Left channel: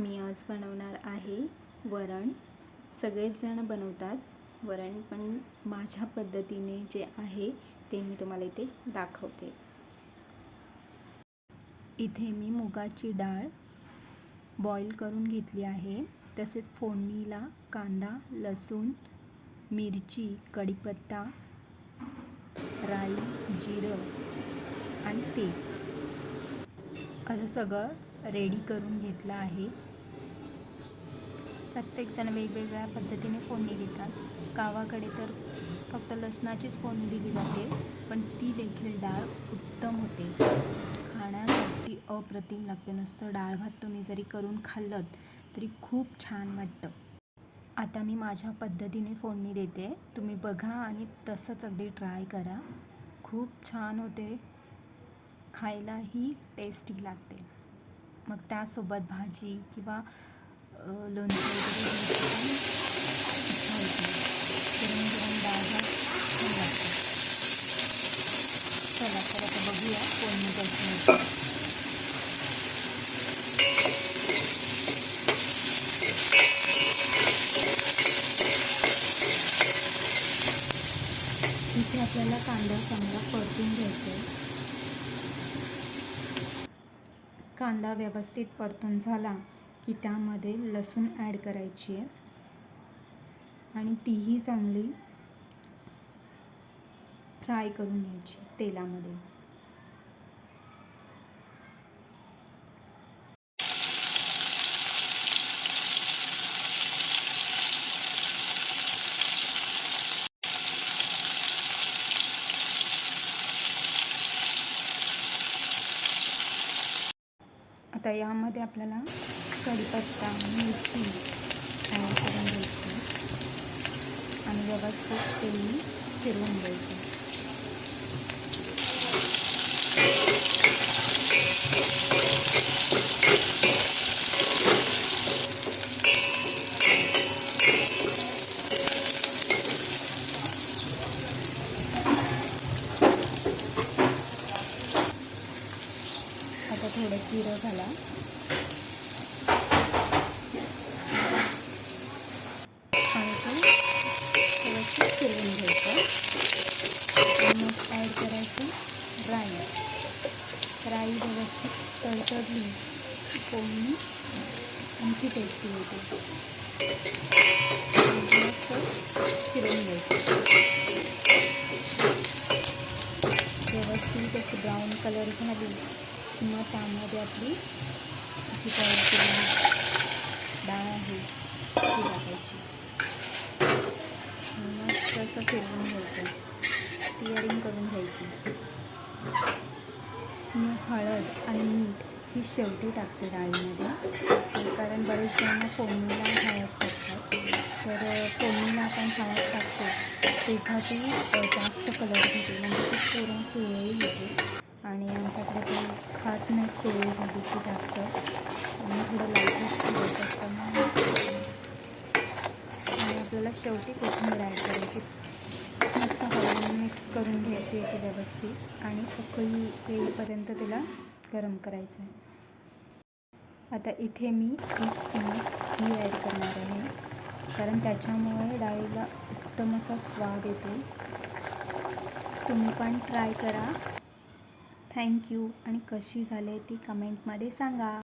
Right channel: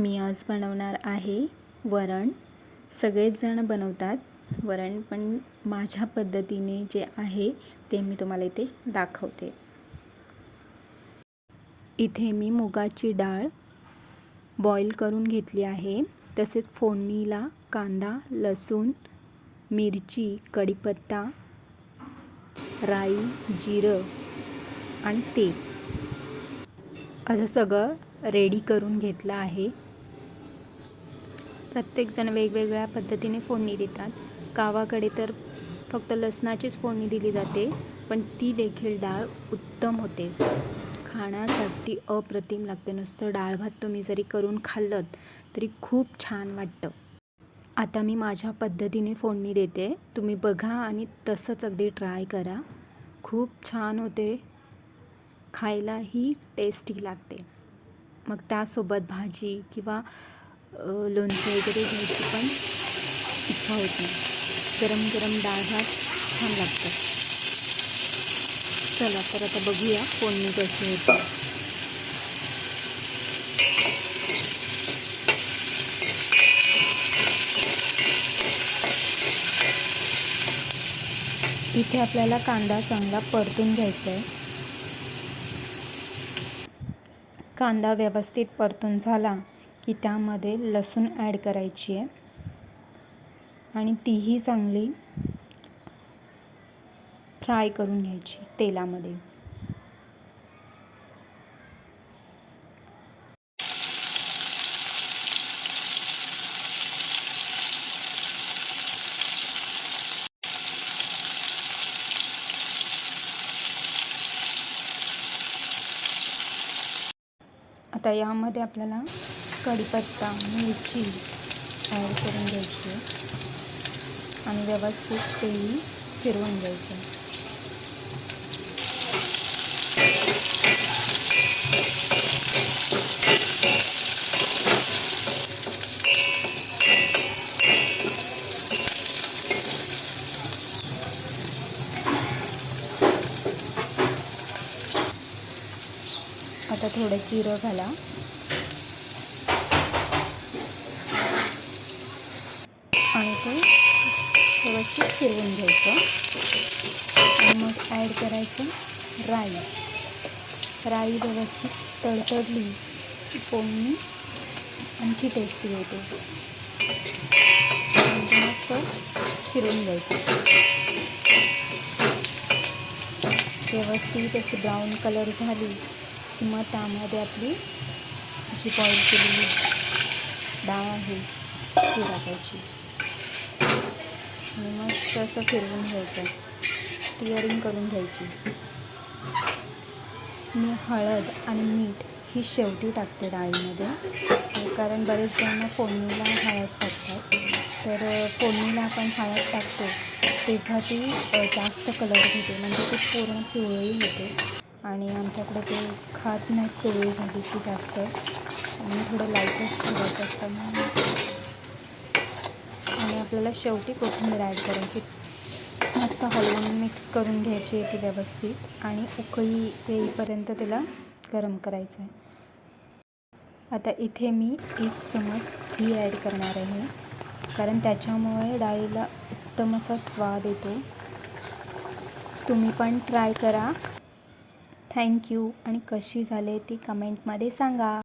मी आज बनवणार आहे वरण. सगळेच जण बनवतात वरण, पण माझ्या पद्धतीने जे आहे ते मी तुम्हाला इथे दाखवते. इथे मी मुगाची डाळ बॉईल करून घेतली आहे. तसेच फोडणीला कांदा, लसूण, मिरची, कढीपत्ता, राई, जिरं आणि तेल असं सगळं रेडी करून घेतलं आहे. प्रत्येकजण वेगवेगळ्या पद्धतीने फोडणी देतात. गावाकडे तर फक्त लसणाचीच फोडणी दिली जाते, पण ती देखील डाळ उत्तम होते. खाण्यासाठी अप्रतिम लागते. नुसतं डाळ भात तुम्ही जरी करून खाल्लं तरी खूप छान वाटतं. आता मी माझ्या पद्धतीने फोडणी देते. तुम्ही बघा आणि तसंच अगदी ट्राय करा. खूप छान होते, खायलाही टेस्टी लागते. मग त्यासोबत भाजी किंवा लोणचं वगैरे घ्यायची पण इच्छा होती. गरम गरम डाळ भात छान लागतं. चला तर आता बघूया फोडणी कशी होते. इथे आपल्याला कांदा चांगला परतून घ्यायचा आहे. कांदा व्यवस्थित परतून झाला की त्यामध्ये लसूण ॲड करायची आहे आणि तीही चांगली फ्राय करून घ्यायची तेलामध्ये. आता यामध्ये आपल्याला कढीपत्ता, मिरची ॲड करून घ्यायची आणि व्यवस्थित तेल फिरवून घ्यायचं. आता थोडं जिरं घाला आणि ते व्यवस्थित फिरवून घ्यायचं आणि मग ॲड करायचं राई व्यवस्थित तडतडली फोडणी आणखी टेस्टी होते. मस्त फिरवून घ्यायचं. व्यवस्थित अशी ब्राऊन कलर झाली की मग त्यामध्ये आपली जी बॉईल केलेली डाळ आहे ती टाकायची आणि मस्त असं फिरवून घ्यायचं, स्टिअरिंग करून घ्यायची. मी हळद आणि मीठ ही शेवटी टाकते डाळीमध्ये, कारण बरेच जण फोडणीला हळद टाकतात. तर फोडणीला आपण हळद टाकतो तेव्हा ती जास्त कलर घेते, म्हणजे ती पूर्ण पिवळी होते आणि आमच्याकडे ते खात नाही पिवळी झाली की जास्त, आणि थोडं लाईटच ठेवायचं असतं. आणि आपल्याला शेवटी कोथिंबीर ॲड करायची. मस्त हलवून मिक्स करून घ्यायची ती व्यवस्थित आणि उकळी येईपर्यंत तिला गरम करायचं आहे. आता इथे मी 1 चमच घी ॲड करणार आहे, कारण त्याच्यामुळे डाळीला उत्तम असा स्वाद येतो. तुम्ही पण ट्राय करा. थँक्यू. आणि कशी झाली ती कमेंटमध्ये सांगा.